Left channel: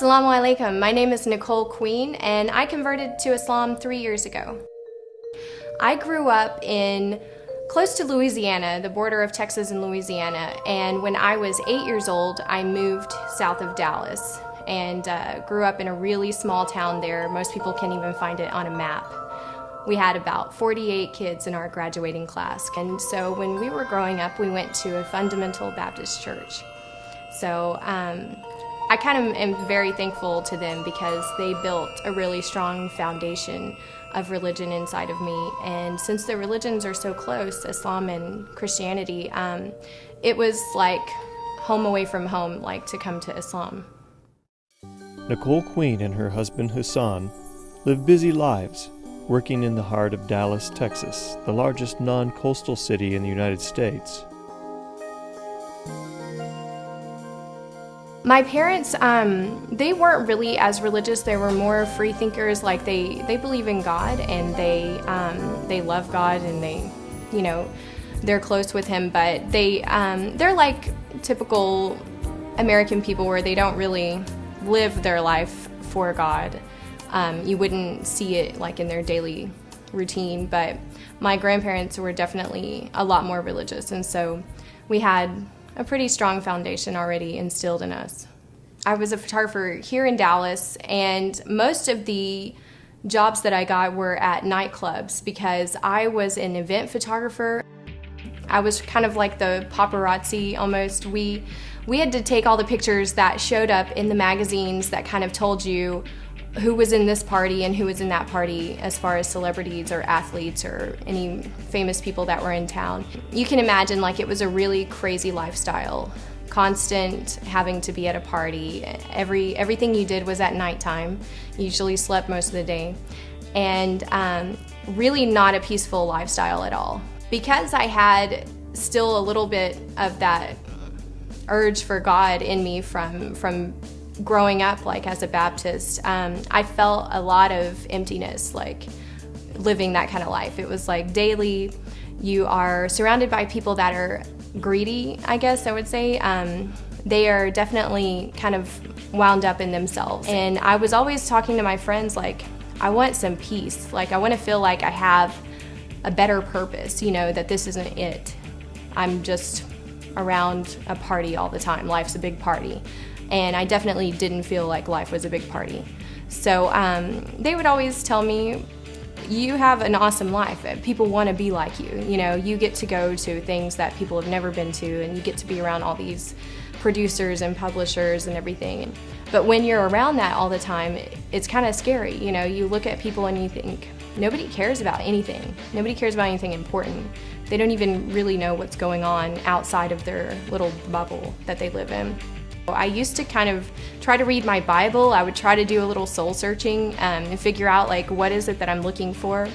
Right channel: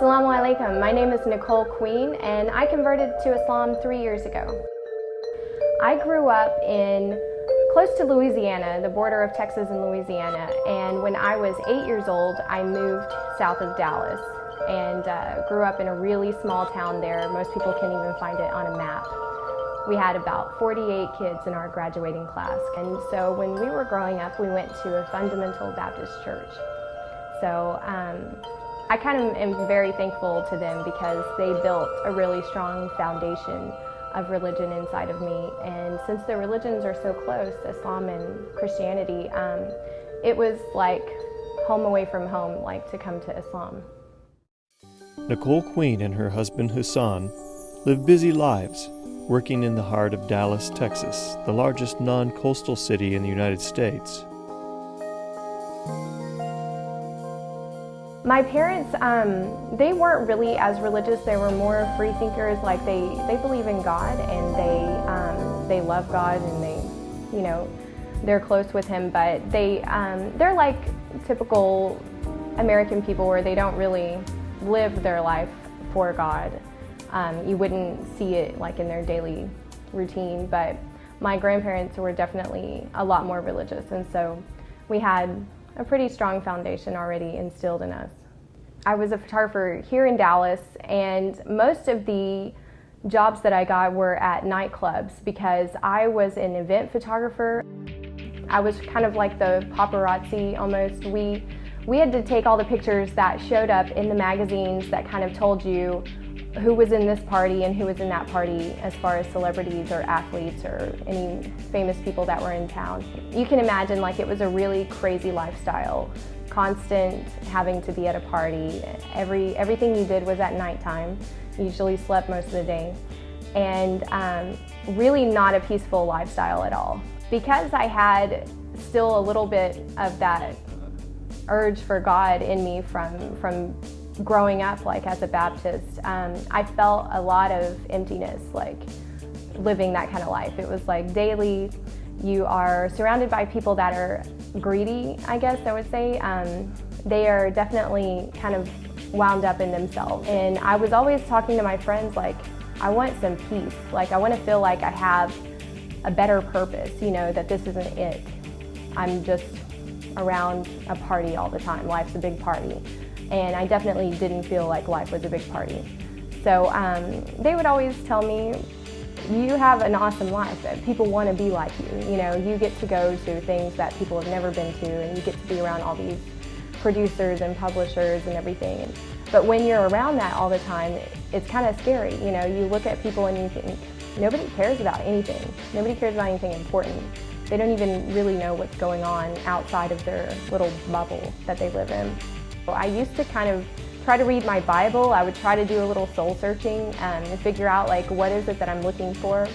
Assalamu alaikum. My name is Nicole Queen, and I converted to Islam 3 years ago. I grew up in close to Louisiana, the border of Texas and Louisiana, and when I was 8 years old, I moved south of Dallas and grew up in a really small town there. Most people can't even find it on a map. We had about 48 kids in our graduating class, and so when we were growing up, we went to a fundamental Baptist church. So I kind of am very thankful to them because they built a really strong foundation of religion inside of me. And since the religions are so close, Islam and Christianity, it was like home away from home, like to come to Islam. Nicole Queen and her husband Hassan live busy lives, working in the heart of Dallas, Texas, the largest non-coastal city in the United States. My parents, they weren't really as religious. They were more free thinkers. Like they believe in God and they love God and they're close with Him. But they're like typical American people where they don't really live their life for God. You wouldn't see it like in their daily routine. But my grandparents were definitely a lot more religious, and so we had a pretty strong foundation already instilled in us. I was a photographer here in Dallas, and most of the jobs that I got were at nightclubs because I was an event photographer. I was kind of like the paparazzi almost. We had to take all the pictures that showed up in the magazines that kind of told you who was in this party and who was in that party as far as celebrities or athletes or any famous people that were in town. You can imagine like it was a really crazy lifestyle. Constant having to be at a party. Everything you did was at nighttime. You usually slept most of the day. And really not a peaceful lifestyle at all. Because I had still a little bit of that urge for God in me from growing up like as a Baptist, I felt a lot of emptiness like living that kind of life. It was like daily you are surrounded by people that are greedy, I guess I would say. They are definitely kind of wound up in themselves. And I was always talking to my friends like, I want some peace. Like I want to feel like I have a better purpose, that this isn't it. I'm just around a party all the time. Life's a big party. And I definitely didn't feel like life was a big party. So they would always tell me, you have an awesome life. People want to be like you. You get to go to things that people have never been to, and you get to be around all these producers and publishers and everything. But when you're around that all the time, it's kind of scary. You look at people and you think, nobody cares about anything. Nobody cares about anything important. They don't even really know what's going on outside of their little bubble that they live in. I used to kind of try to read my Bible. I would try to do a little soul searching and figure out like what is it that I'm looking for.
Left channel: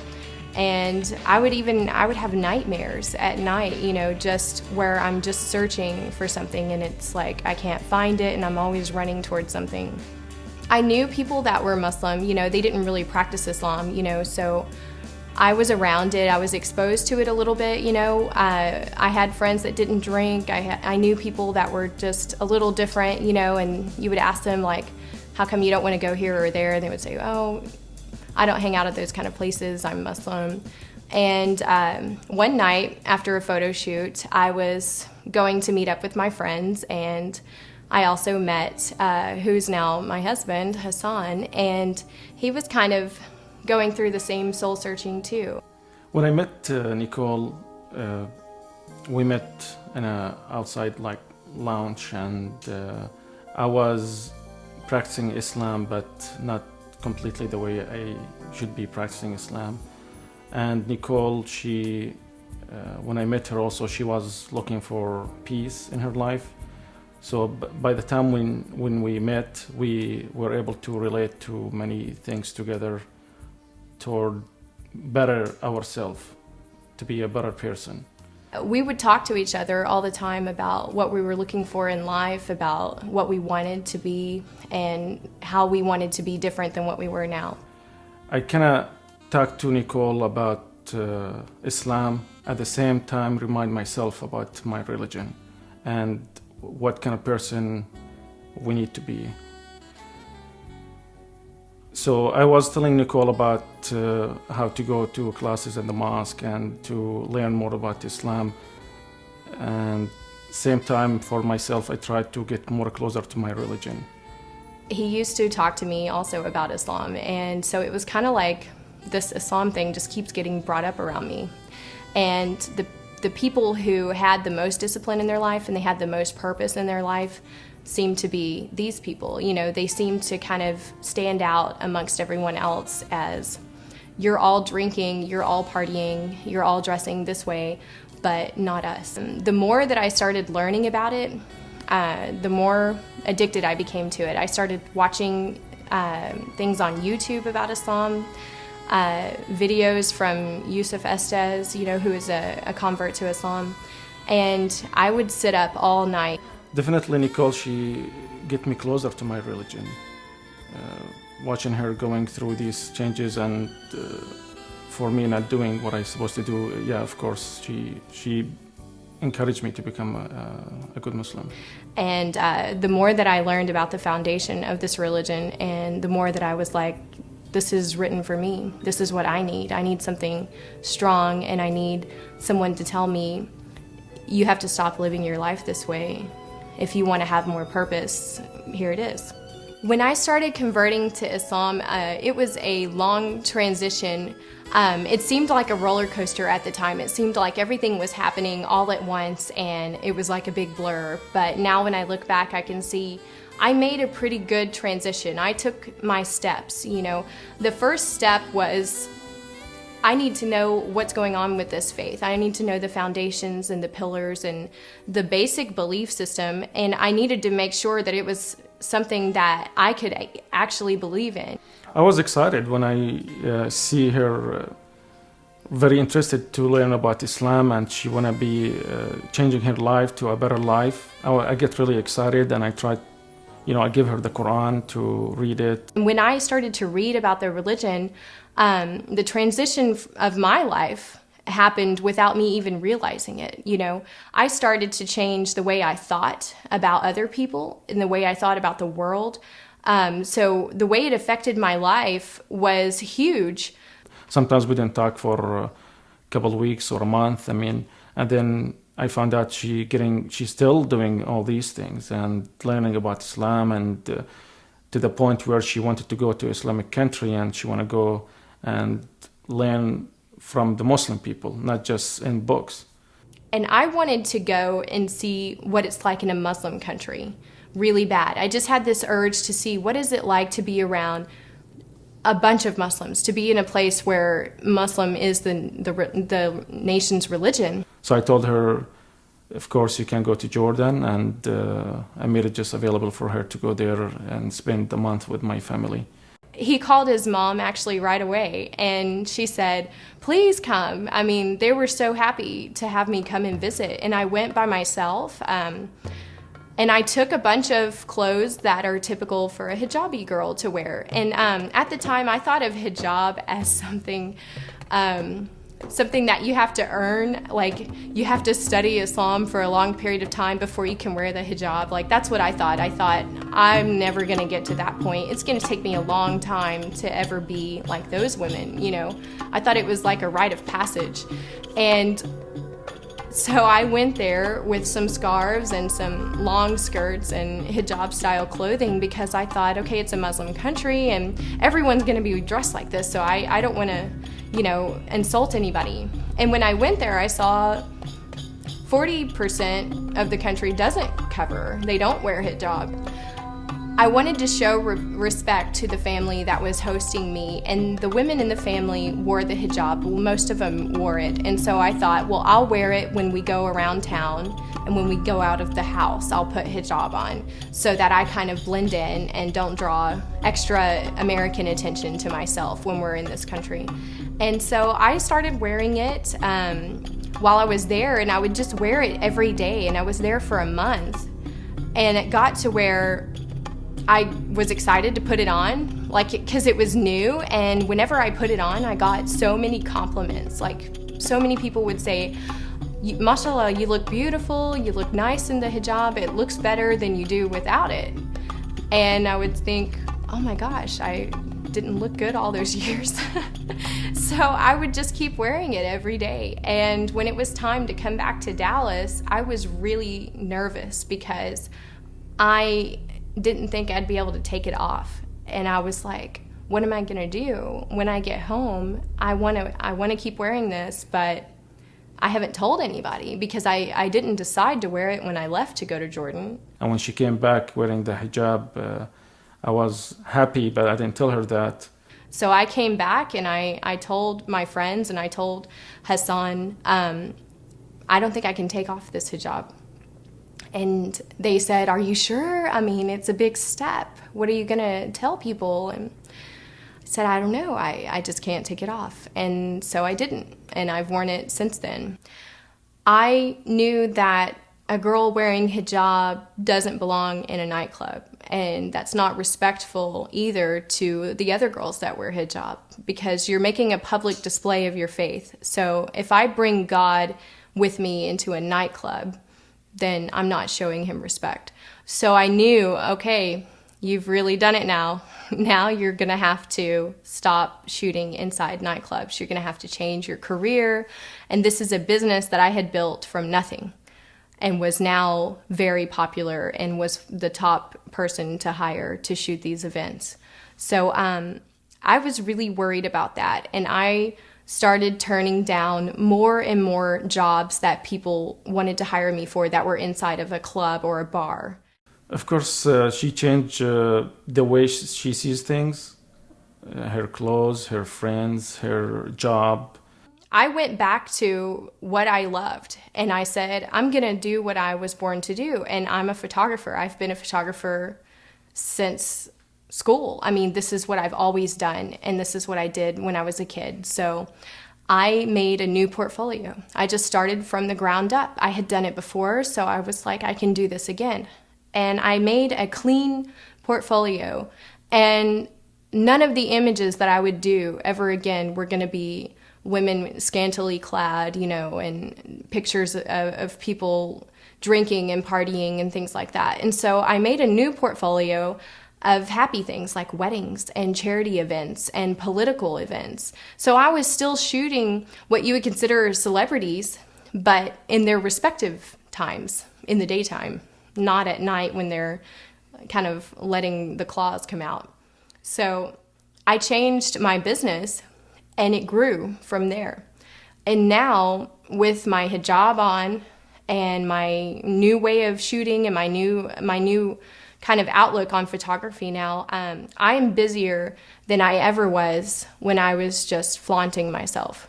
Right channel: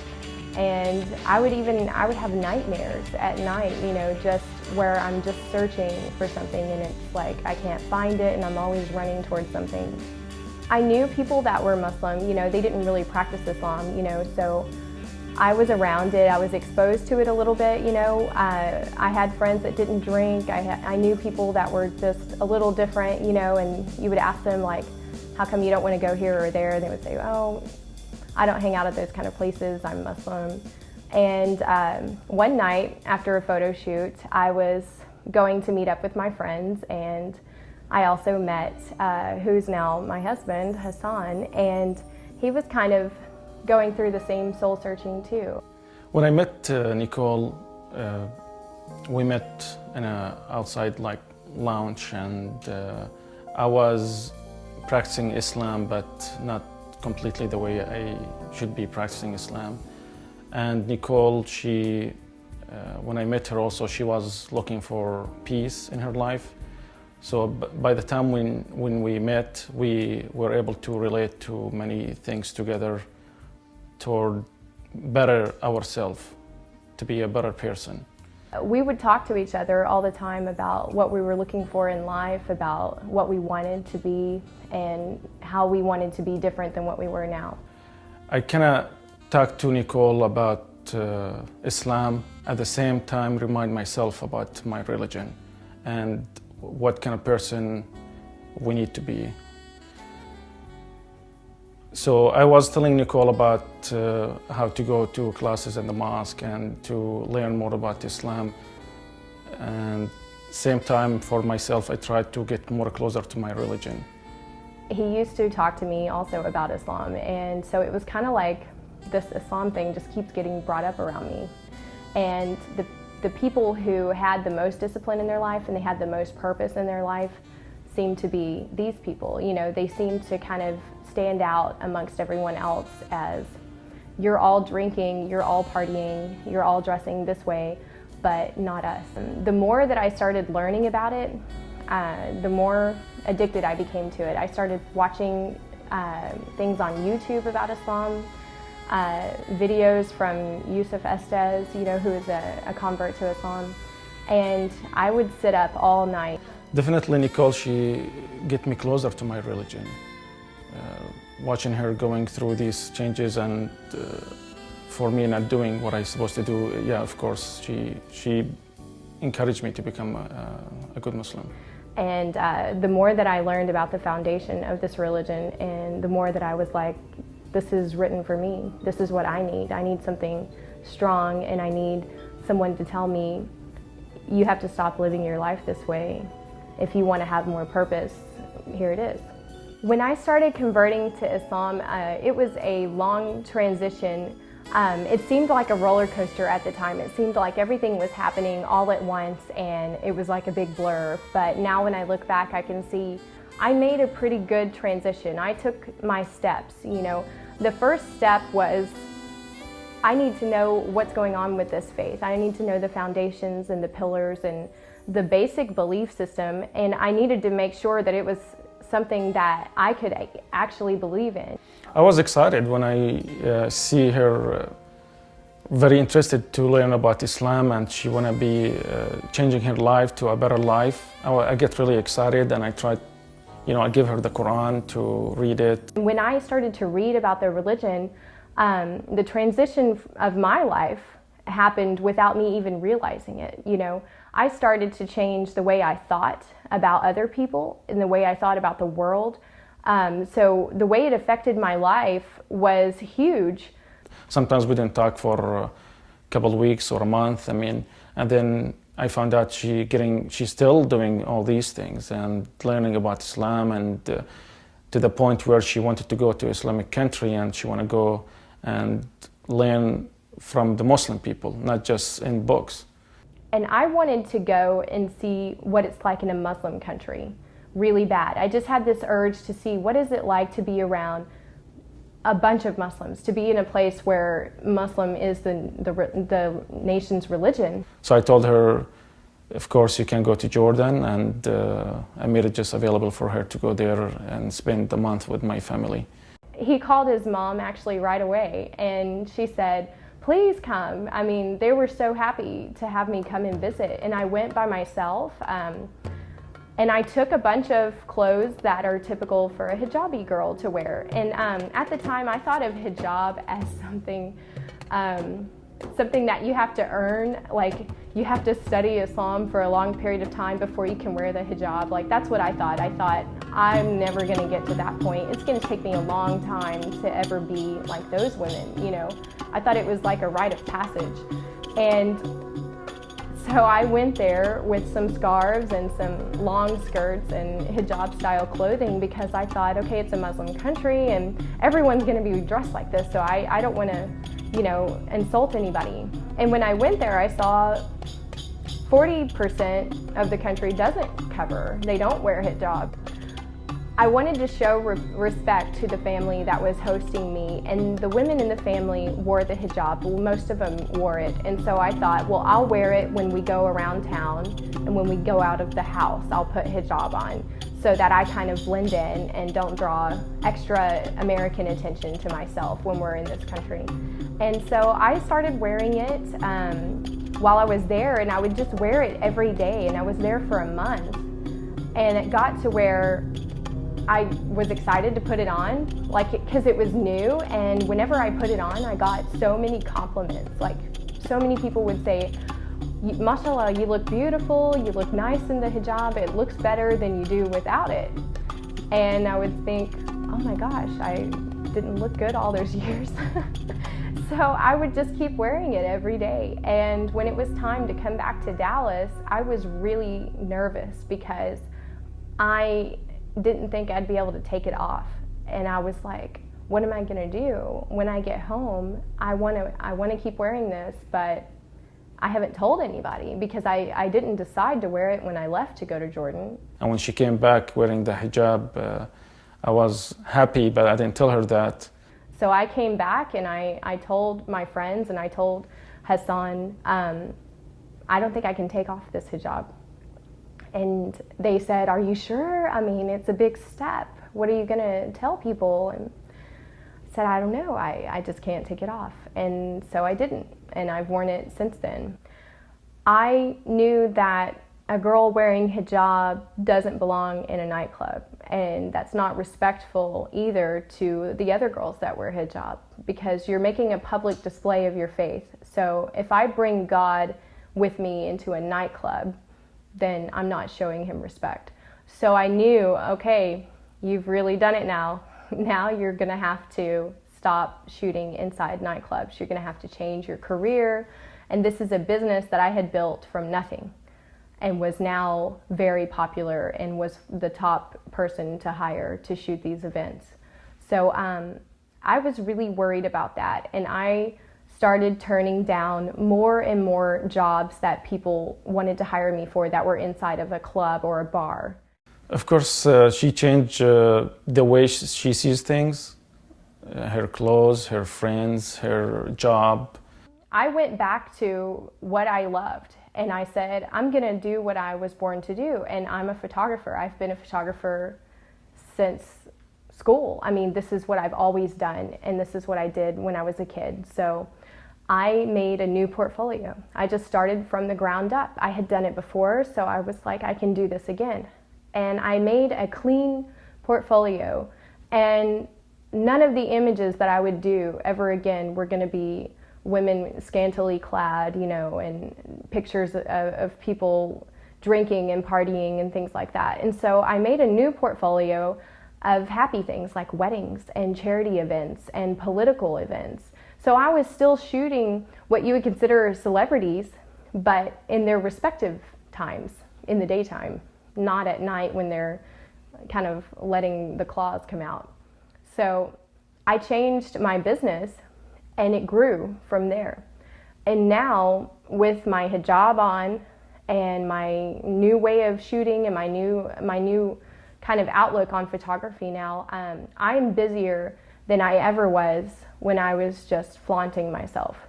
And I would have nightmares at night, just where I'm just searching for something and it's like I can't find it and I'm always running towards something. I knew people that were Muslim, they didn't really practice Islam, so I was around it. I was exposed to it a little bit, I had friends that didn't drink. I knew people that were just a little different, and you would ask them like, how come you don't want to go here or there? They would say, oh, I don't hang out at those kind of places. I'm Muslim. And one night after a photo shoot, I was going to meet up with my friends, and I also met who's now my husband, Hassan, and he was kind of going through the same soul searching too. When I met Nicole, we met in a outside like lounge, and I was practicing Islam, but not completely the way I should be practicing Islam. And Nicole, when I met her also, she was looking for peace in her life. So by the time when we met, we were able to relate to many things together toward better ourselves, to be a better person. We would talk to each other all the time about what we were looking for in life, about what we wanted to be, and how we wanted to be different than what we were now. I cannot talk to Nicole about Islam, at the same time remind myself about my religion and what kind of person we need to be. So I was telling Nicole about how to go to classes in the mosque and to learn more about Islam. And same time for myself, I tried to get more closer to my religion. He used to talk to me also about Islam, and so it was kind of like this Islam thing just keeps getting brought up around me. And the people who had the most discipline in their life and they had the most purpose in their life seemed to be these people. You know, they seemed to kind of stand out amongst everyone else as, you're all drinking, you're all partying, you're all dressing this way, but not us. And the more that I started learning about it, the more addicted I became to it. I started watching things on YouTube about Islam, videos from Yusuf Estes, you know, who is a convert to Islam, and I would sit up all night. Definitely Nicole, she get me closer to my religion. Watching her going through these changes and for me not doing what I'm supposed to do, yeah, of course, she encouraged me to become a good Muslim. And the more that I learned about the foundation of this religion, and the more that I was like, this is written for me. This is what I need. I need something strong, and I need someone to tell me, you have to stop living your life this way. If you want to have more purpose, here it is. When I started converting to Islam, it was a long transition. It seemed like a roller coaster at the time. It seemed like everything was happening all at once, and it was like a big blur. But now when I look back, I can see I made a pretty good transition. I took my steps, you know. The first step was, I need to know what's going on with this faith. I need to know the foundations and the pillars and the basic belief system, and I needed to make sure that it was something that I could actually believe in. I was excited when I see her very interested to learn about Islam, and she want to be changing her life to a better life. I get really excited, and I try, you know, I give her the Qur'an to read it. When I started to read about the religion, the transition of my life happened without me even realizing it. You know, I started to change the way I thought about other people and the way I thought about the world. So the way it affected my life was huge. Sometimes we didn't talk for a couple of weeks or a month. I mean, and then I found out she's still doing all these things and learning about Islam, and to the point where she wanted to go to Islamic country, and she want to go and learn from the Muslim people, not just in books. And I wanted to go and see what it's like in a Muslim country, really bad. I just had this urge to see, what is it like to be around a bunch of Muslims, to be in a place where Muslim is the nation's religion. So I told her, of course, you can go to Jordan, and I made it just available for her to go there and spend a month with my family. He called his mom actually right away, and she said, please come. I mean, they were so happy to have me come and visit, and I went by myself. And I took a bunch of clothes that are typical for a hijabi girl to wear. And at the time, I thought of hijab as something that you have to earn. Like, you have to study Islam for a long period of time before you can wear the hijab. Like, that's what I thought. I thought, I'm never gonna get to that point. It's gonna take me a long time to ever be like those women, you know? I thought it was like a rite of passage. And so I went there with some scarves and some long skirts and hijab style clothing, because I thought, okay, it's a Muslim country and everyone's gonna be dressed like this, so I don't wanna, you know, insult anybody. And when I went there, I saw 40% of the country doesn't cover. They don't wear hijab. I wanted to show respect to the family that was hosting me, and the women in the family wore the hijab. Well, most of them wore it, and so I thought, well, I'll wear it when we go around town, and when we go out of the house, I'll put hijab on, so that I kind of blend in and don't draw extra American attention to myself when we're in this country. And so I started wearing it while I was there, and I would just wear it every day, and I was there for a month. And it got to where I was excited to put it on, like, because it was new, and whenever I put it on, I got so many compliments. Like, so many people would say, mashallah, you look beautiful, you look nice in the hijab, it looks better than you do without it. And I would think, oh my gosh, didn't look good all those years. So I would just keep wearing it every day. And when it was time to come back to Dallas, I was really nervous because I didn't think I'd be able to take it off. And I was like, what am I gonna do when I get home? I wanna keep wearing this, but I haven't told anybody because I didn't decide to wear it when I left to go to Jordan. And when she came back wearing the hijab, I was happy, but I didn't tell her that. So I came back and I told my friends and I told Hassan, I don't think I can take off this hijab. And they said, are you sure? I mean, it's a big step. What are you gonna tell people? And I said, I don't know, I just can't take it off. And so I didn't, and I've worn it since then. I knew that a girl wearing hijab doesn't belong in a nightclub, and that's not respectful either to the other girls that wear hijab, because you're making a public display of your faith. So if I bring God with me into a nightclub, then I'm not showing him respect. So I knew, okay, you've really done it now. Now you're gonna have to stop shooting inside nightclubs. You're gonna have to change your career. And this is a business that I had built from nothing and was now very popular and was the top person to hire to shoot these events. So I was really worried about that. And I started turning down more and more jobs that people wanted to hire me for that were inside of a club or a bar. Of course, she changed the way she sees things, her clothes, her friends, her job. I went back to what I loved, and I said, I'm gonna do what I was born to do, and I'm a photographer. I've been a photographer since school. I mean, this is what I've always done, and this is what I did when I was a kid. So I made a new portfolio. I just started from the ground up. I had done it before, so I was like, I can do this again. And I made a clean portfolio, and none of the images that I would do ever again were gonna be women scantily clad, you know, and pictures of people drinking and partying and things like that. And so I made a new portfolio of happy things like weddings and charity events and political events. So I was still shooting what you would consider celebrities, but in their respective times, in the daytime, not at night when they're kind of letting the claws come out. So I changed my business and it grew from there. And now with my hijab on and my new way of shooting and my new kind of outlook on photography now, I am busier than I ever was when I was just flaunting myself.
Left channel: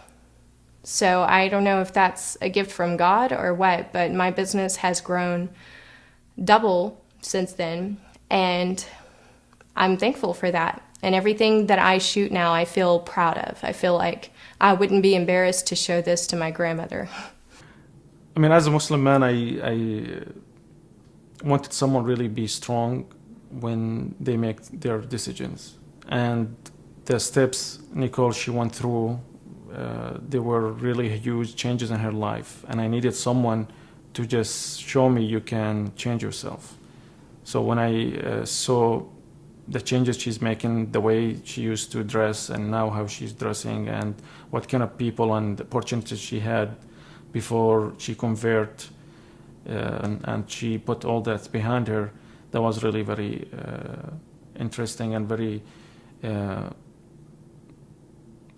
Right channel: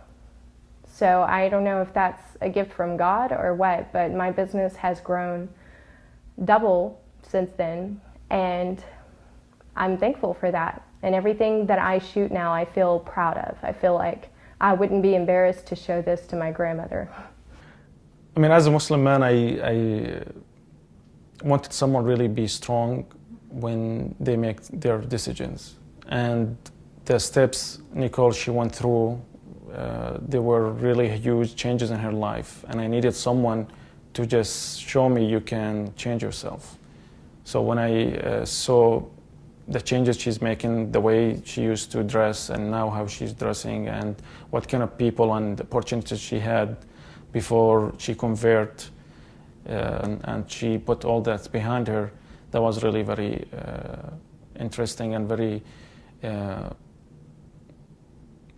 So I don't know if that's a gift from God or what, but my business has grown double since then, and I'm thankful for that. And everything that I shoot now, I feel proud of. I feel like I wouldn't be embarrassed to show this to my grandmother. I mean, as a Muslim man, I wanted someone really be strong when they make their decisions. And the steps Nicole, she went through, they were really huge changes in her life. And I needed someone to just show me you can change yourself. So when I saw the changes she's making, the way she used to dress and now how she's dressing and what kind of people and opportunities she had before she converted and she put all that behind her, that was really very interesting and very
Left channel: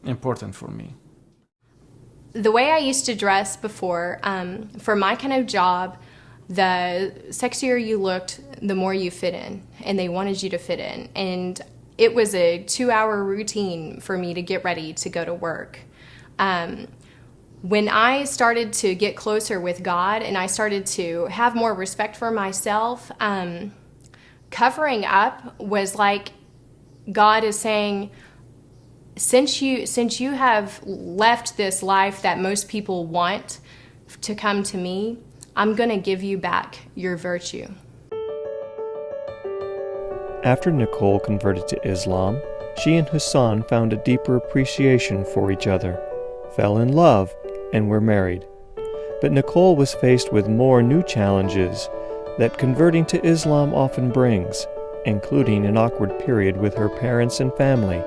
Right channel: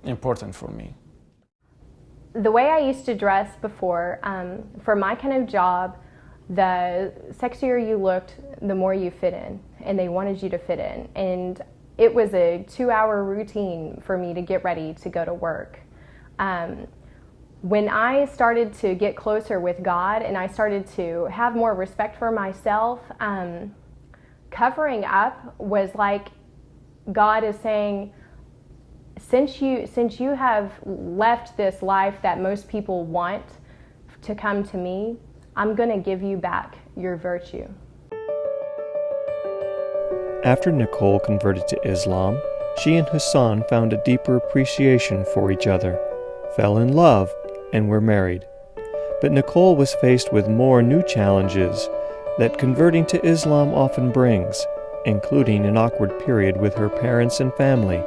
important for me. The way I used to dress before, for my kind of job, the sexier you looked, the more you fit in, and they wanted you to fit in. And it was a 2-hour routine for me to get ready to go to work. When I started to get closer with God and I started to have more respect for myself, covering up was like God is saying, since you have left this life that most people want to come to me, I'm going to give you back your virtue. After Nicole converted to Islam, she and Hassan found a deeper appreciation for each other, fell in love, and were married. But Nicole was faced with more new challenges that converting to Islam often brings, including an awkward period with her parents and family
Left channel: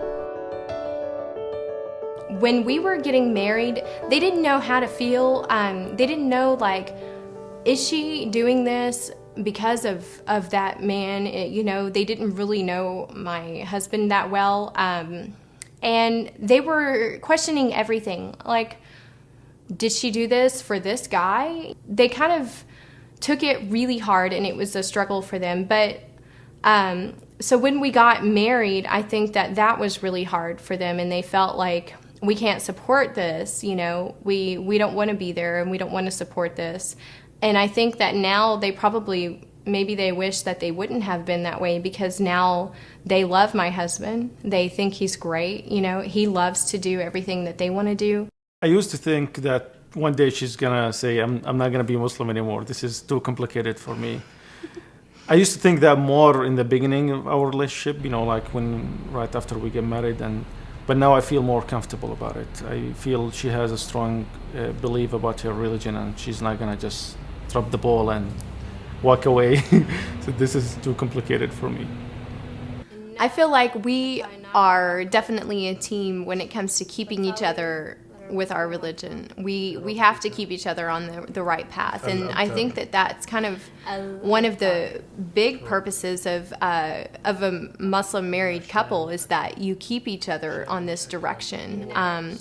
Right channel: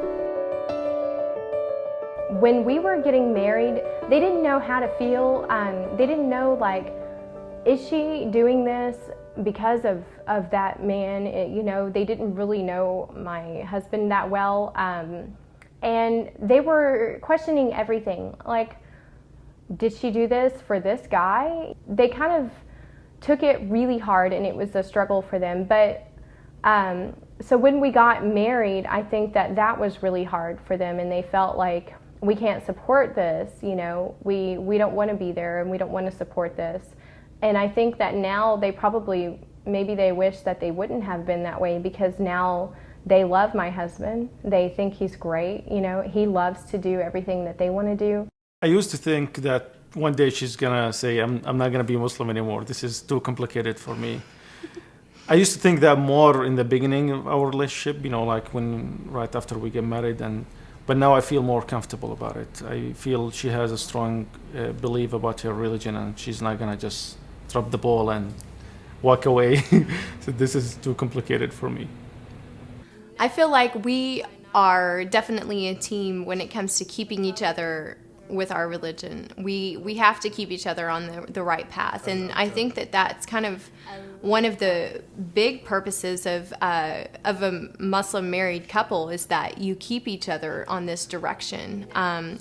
when we were getting married, they didn't know how to feel. They didn't know, like, is she doing this because of that man? You know, they didn't really know my husband that well. And they were questioning everything. Like, did she do this for this guy? They kind of took it really hard, and it was a struggle for them. But so when we got married, I think that was really hard for them, and they felt like, we can't support this, you know, we don't want to be there, and we don't want to support this. And I think that now they probably, maybe they wish that they wouldn't have been that way, because now they love my husband. They think he's great. You know, he loves to do everything that they want to do. I used to think that one day she's gonna say, I'm not gonna be Muslim anymore. This is too complicated for me. I used to think that more in the beginning of our relationship, you know, like right after we get married, but now I feel more comfortable about it. I feel she has a strong belief about her religion, and she's not gonna just drop the ball and walk away. So this is too complicated for me. I feel like we are definitely a team when it comes to keeping each other with our religion. We have to keep each other on the right path, and I think that's kind of one of the big purposes of a Muslim married couple, is that you keep each other on this direction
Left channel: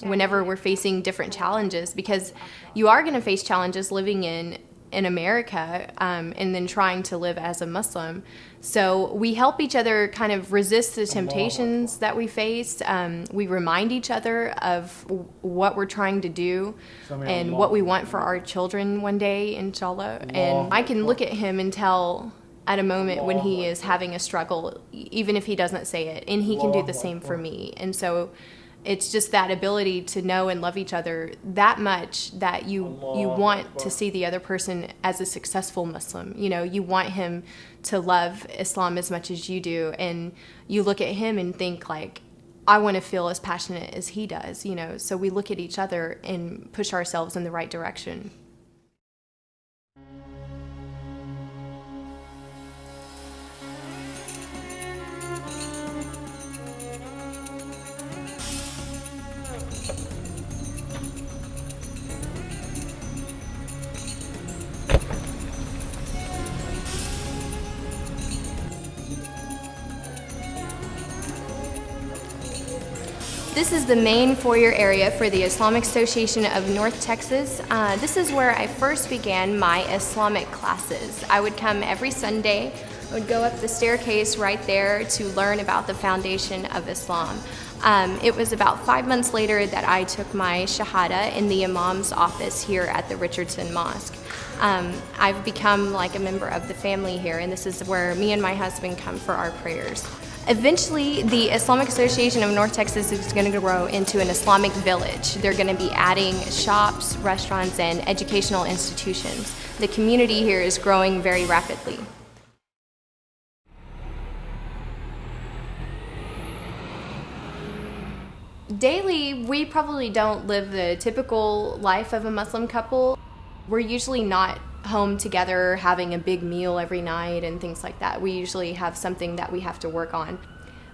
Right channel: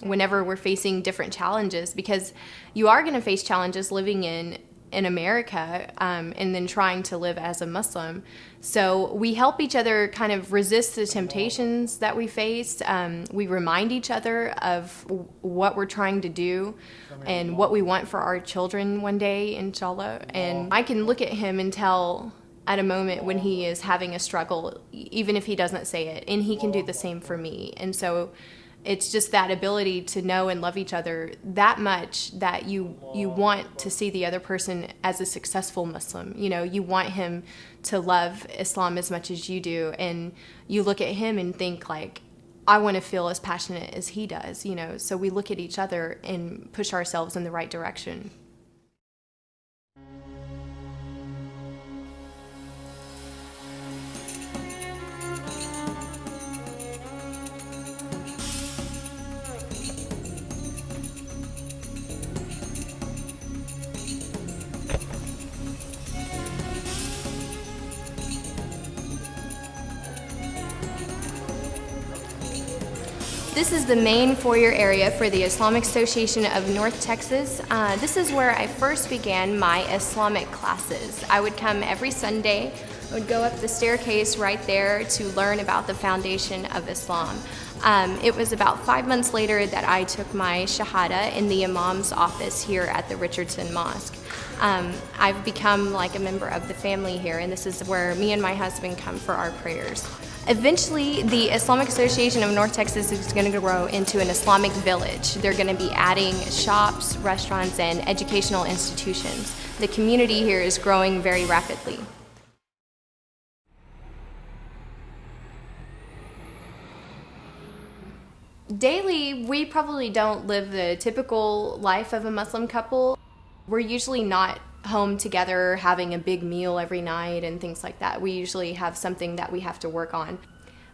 whenever we're facing different challenges, because you are going to face challenges living in America and then trying to live as a Muslim. So we help each other kind of resist the temptations that we face. We remind each other of what we're trying to do and what we want for our children one day, inshallah. And I can look at him and tell at a moment when he is having a struggle, even if he doesn't say it, and he can do the same for me. And so it's just that ability to know and love each other that much that you want to see the other person as a successful Muslim. You know, you want him to love Islam as much as you do, and you look at him and think, like, I want to feel as passionate as he does, you know. So we look at each other and push ourselves in the right direction. This is the main foyer area for the Islamic Association of North Texas. This is where I first began my Islamic classes. I would come every Sunday. I would go up the staircase right there to learn about the foundation of Islam. It was about 5 months later that I took my Shahada in the Imam's office here at the Richardson Mosque. I've become like a member of the family here, and this is where me and my husband come for our prayers. Eventually, the Islamic Association of North Texas is going to grow into an Islamic village. They're going to be adding shops, restaurants, and educational institutions. The community here is growing very rapidly. Daily, we probably don't live the typical life of a Muslim couple. We're usually not home together having a big meal every night and things like that. We usually have something that we have to work on.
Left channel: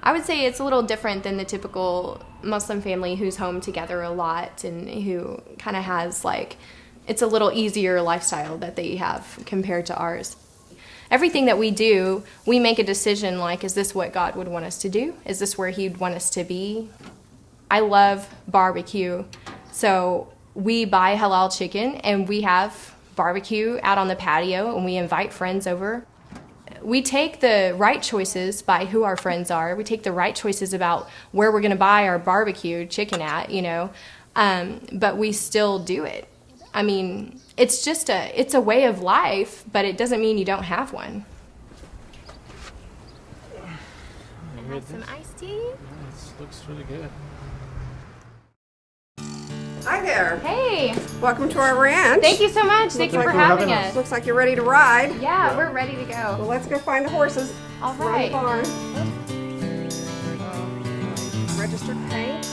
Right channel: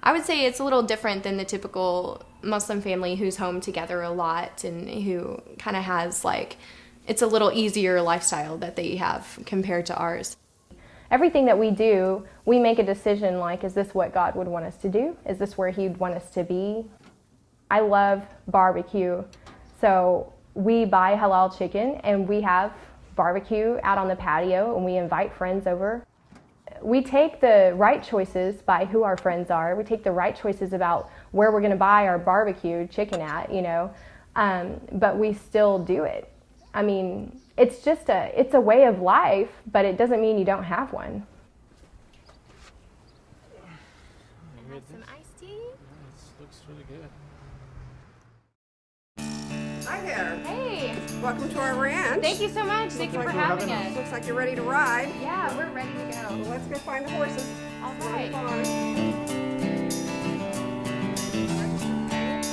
I would say it's a little different than the typical Muslim family who's home together a lot and who kind of has, like, it's a little easier lifestyle that they have compared to ours. Everything that we do, we make a decision like, is this what God would want us to do? Is this where He'd want us to be? I love barbecue, so we buy halal chicken and we have barbecue out on the patio and we invite friends over. We take the right choices by who our friends are. We take the right choices about where we're going to buy our barbecue chicken at, you know, but we still do it. I mean, it's a way of life, but it doesn't mean you don't have one. I have some iced tea. This looks really good. Hi there. Hey, Welcome to our ranch. thank you so much. Thank you for having us. Looks like you're ready to ride. Yeah, we're ready to go. Well, let's go find the horses. All Run the right. barn. Registered paint.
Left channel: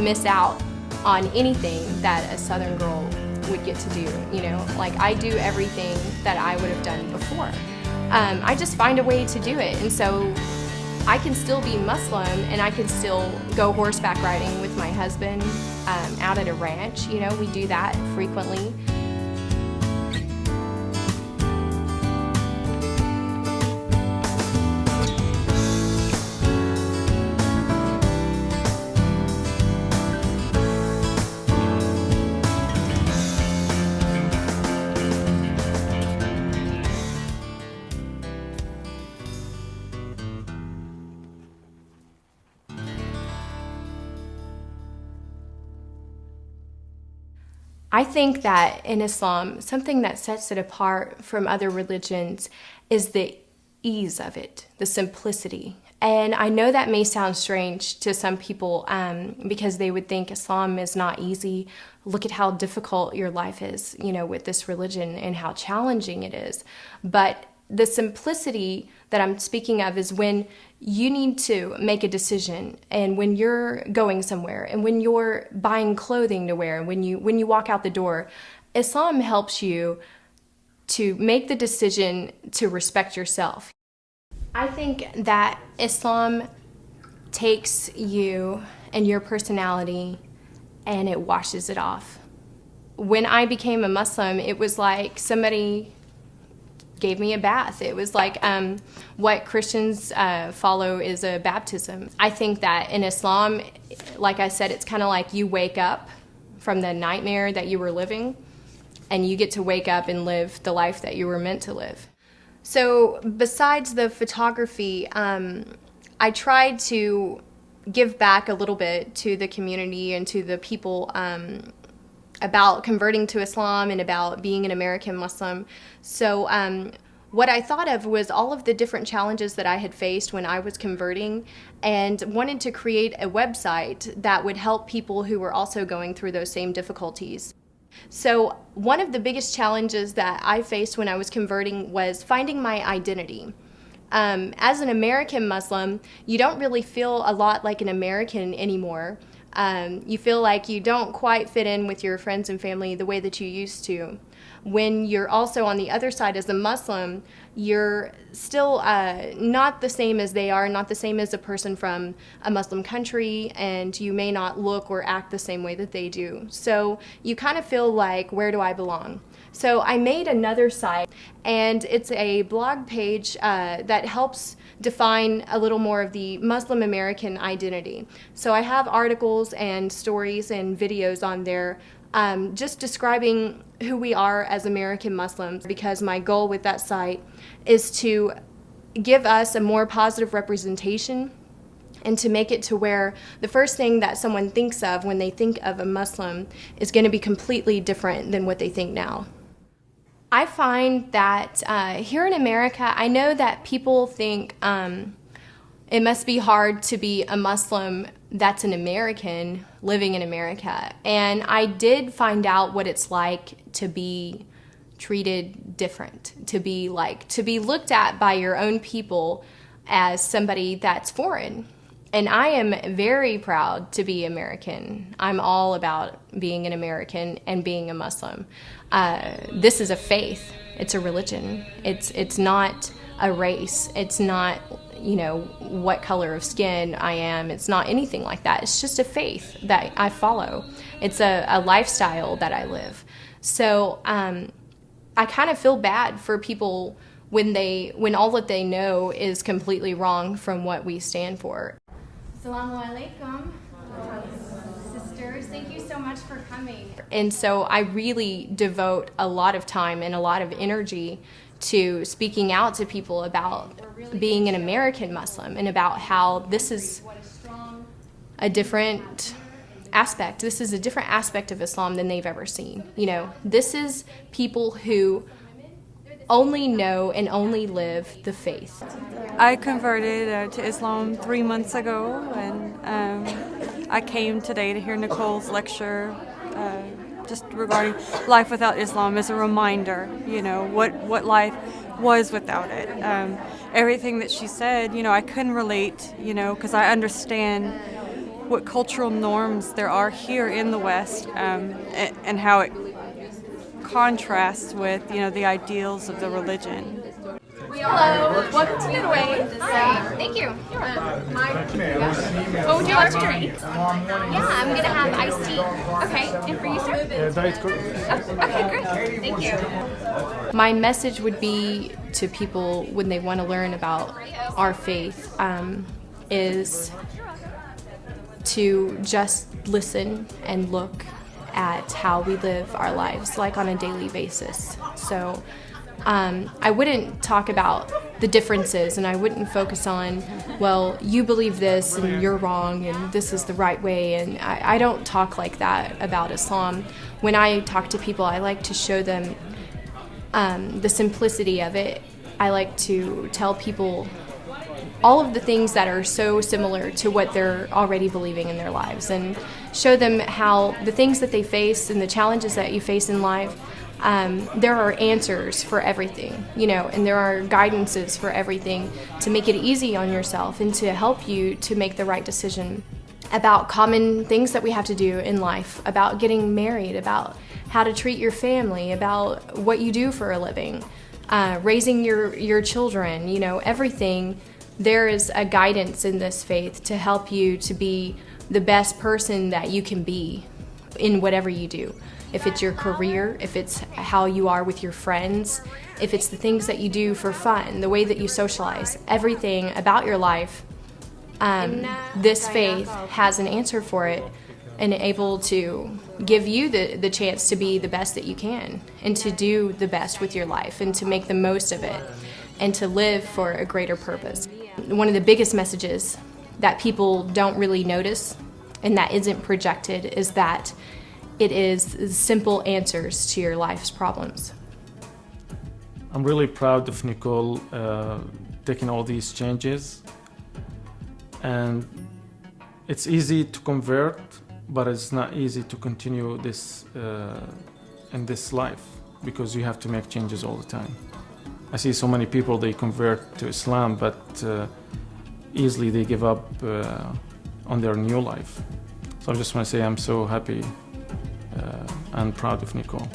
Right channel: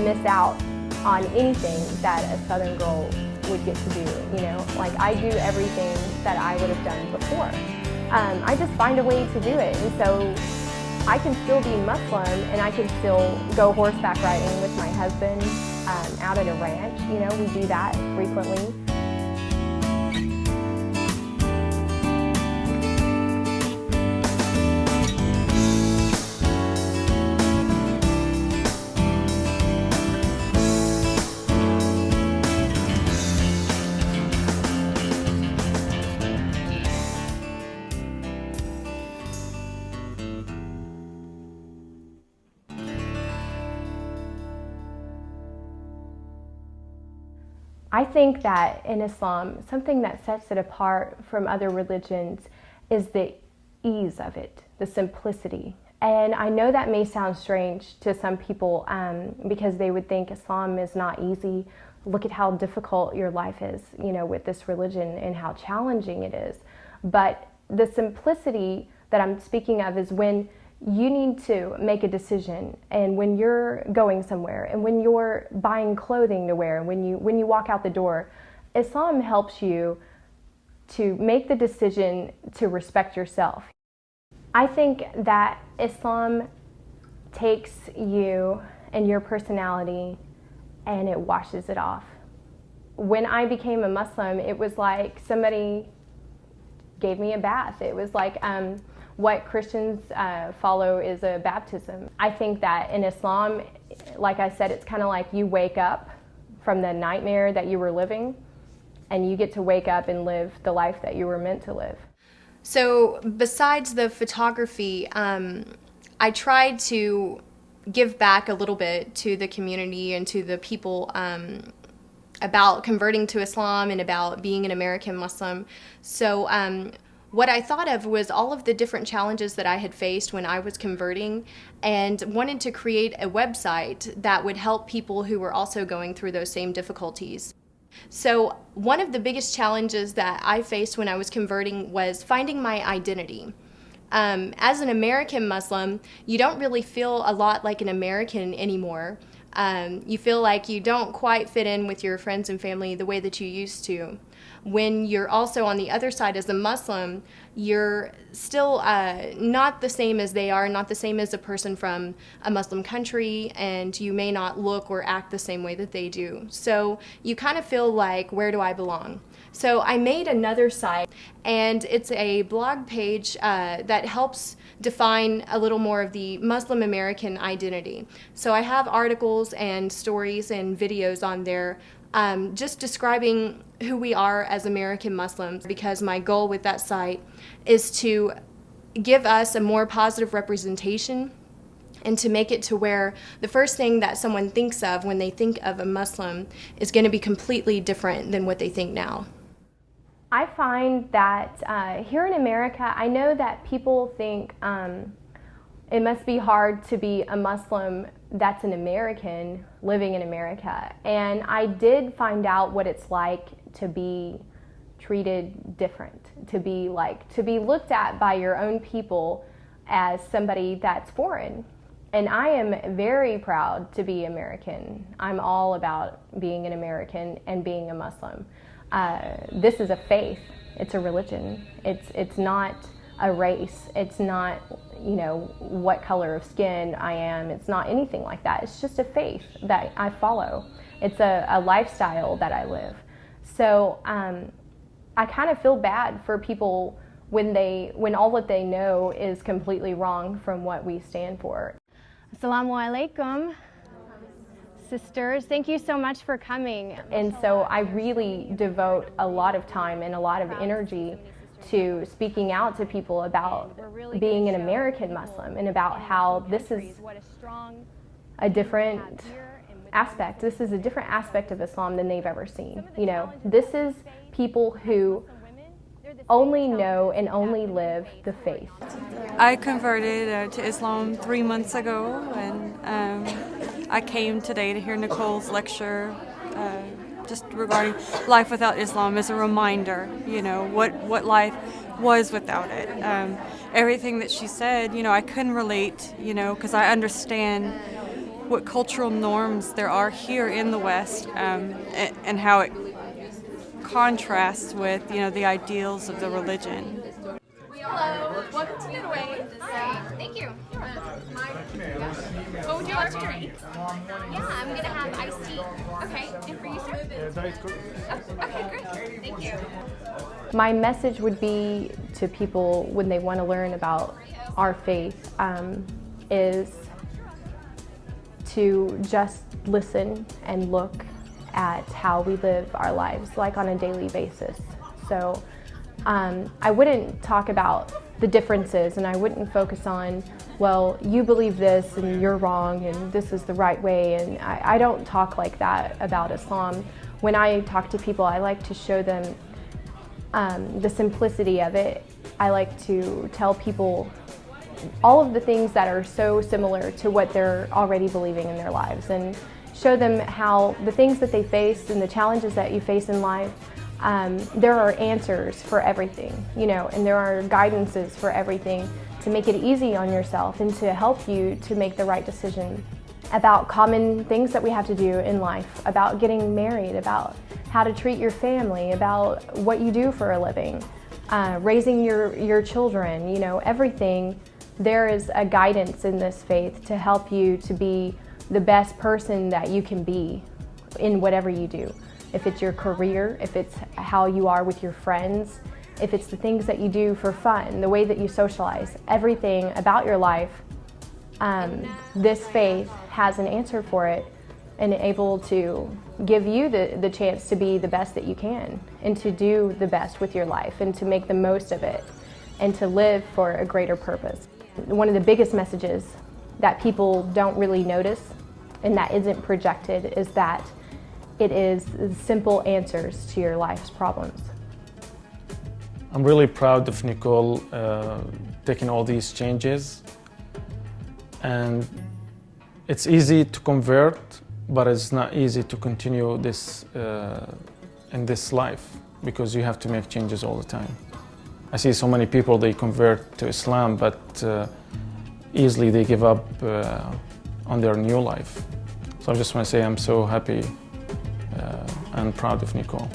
miss out on anything that a Southern girl would get to do, you know. Like, I do everything that I would have done before. I just find a way to do it, and so I can still be Muslim and I can still go horseback riding with my husband out at a ranch. You know, we do that frequently. I think that in Islam, something that sets it apart from other religions is the ease of it, the simplicity. And I know that may sound strange to some people because they would think Islam is not easy. Look at how difficult your life is, you know, with this religion and how challenging it is. But the simplicity that I'm speaking of is when you need to make a decision, and when you're going somewhere, and when you're buying clothing to wear, and when you walk out the door, Islam helps you to make the decision to respect yourself. I think that Islam takes you and your personality and it washes it off. When I became a Muslim, it was like somebody gave me a bath. It was like what Christians follow is a baptism. I think that in Islam, like I said, it's kind of like you wake up from the nightmare that you were living and you get to wake up and live the life that you were meant to live. So besides the photography, I tried to give back a little bit to the community and to the people about converting to Islam and about being an American Muslim. So what I thought of was all of the different challenges that I had faced when I was converting, and wanted to create a website that would help people who were also going through those same difficulties. So one of the biggest challenges that I faced when I was converting was finding my identity. As an American Muslim, you don't really feel a lot like an American anymore. You feel like you don't quite fit in with your friends and family the way that you used to. When you're also on the other side as a Muslim, you're still not the same as they are, not the same as a person from a Muslim country, and you may not look or act the same way that they do. So you kind of feel like, where do I belong? So I made another site, and it's a blog page that helps define a little more of the Muslim American identity. So I have articles and stories and videos on there just describing who we are as American Muslims, because my goal with that site is to give us a more positive representation and to make it to where the first thing that someone thinks of when they think of a Muslim is going to be completely different than what they think now. I find that here in America, I know that people think it must be hard to be a Muslim that's an American living in America. And I did find out what it's like to be treated different, to be looked at by your own people as somebody that's foreign. And I am very proud to be American. I'm all about being an American and being a Muslim. This is a faith. It's a religion. It's not a race. It's not, you know, what color of skin I am. It's not anything like that. It's just a faith that I follow. It's a lifestyle that I live. So I kind of feel bad for people when all that they know is completely wrong from what we stand for. Assalamu alaikum. Sisters, thank you so much for coming. And so I really devote a lot of time and a lot of energy to speaking out to people about being an American Muslim and about how this is a different aspect. This is a different aspect of Islam than they've ever seen. You know, this is people who only know and only live the faith. I converted to Islam 3 months ago, and I came today to hear Nicole's lecture just regarding life without Islam as a reminder, you know, what life was without it. Everything that she said, you know, I couldn't relate, you know, because I understand what cultural norms there are here in the West, and how it contrasts with, the ideals of the religion. Hello, welcome to Midway. Hi, thank you. What would you like to drink? Yeah, I'm gonna have iced tea. Okay, and for you, sir? Diet Coke. Okay, great. Thank you. My message would be to people when they want to learn about our faith is to just listen and look at how we live our lives, like on a daily basis. So I wouldn't talk about the differences, and I wouldn't focus on, well, you believe this and you're wrong and this is the right way, and I don't talk like that about Islam. When I talk to people, I like to show them the simplicity of it. I like to tell people all of the things that are so similar to what they're already believing in their lives, and show them how the things that they face and the challenges that you face in life, there are answers for everything, and there are guidances for everything to make it easy on yourself and to help you to make the right decision about common things that we have to do in life, about getting married, about how to treat your family, about what you do for a living, raising your children, everything. There is a guidance in this faith to help you to be the best person that you can be in whatever you do. If it's your career, if it's how you are with your friends, if it's the things that you do for fun, the way that you socialize, everything about your life, this faith has an answer for it and able to give you the chance to be the best that you can and to do the best with your life and to make the most of it and to live for a greater purpose. One of the biggest messages that people don't really notice and that isn't projected is that it is simple answers to your life's problems. I'm really proud of Nicole taking all these changes, and it's easy to convert, but it's not easy to continue this in this life because you have to make changes all the time. I see so many people, they convert to Islam, but easily they give up on their new life. So I just want to say I'm so happy and proud of Nicole.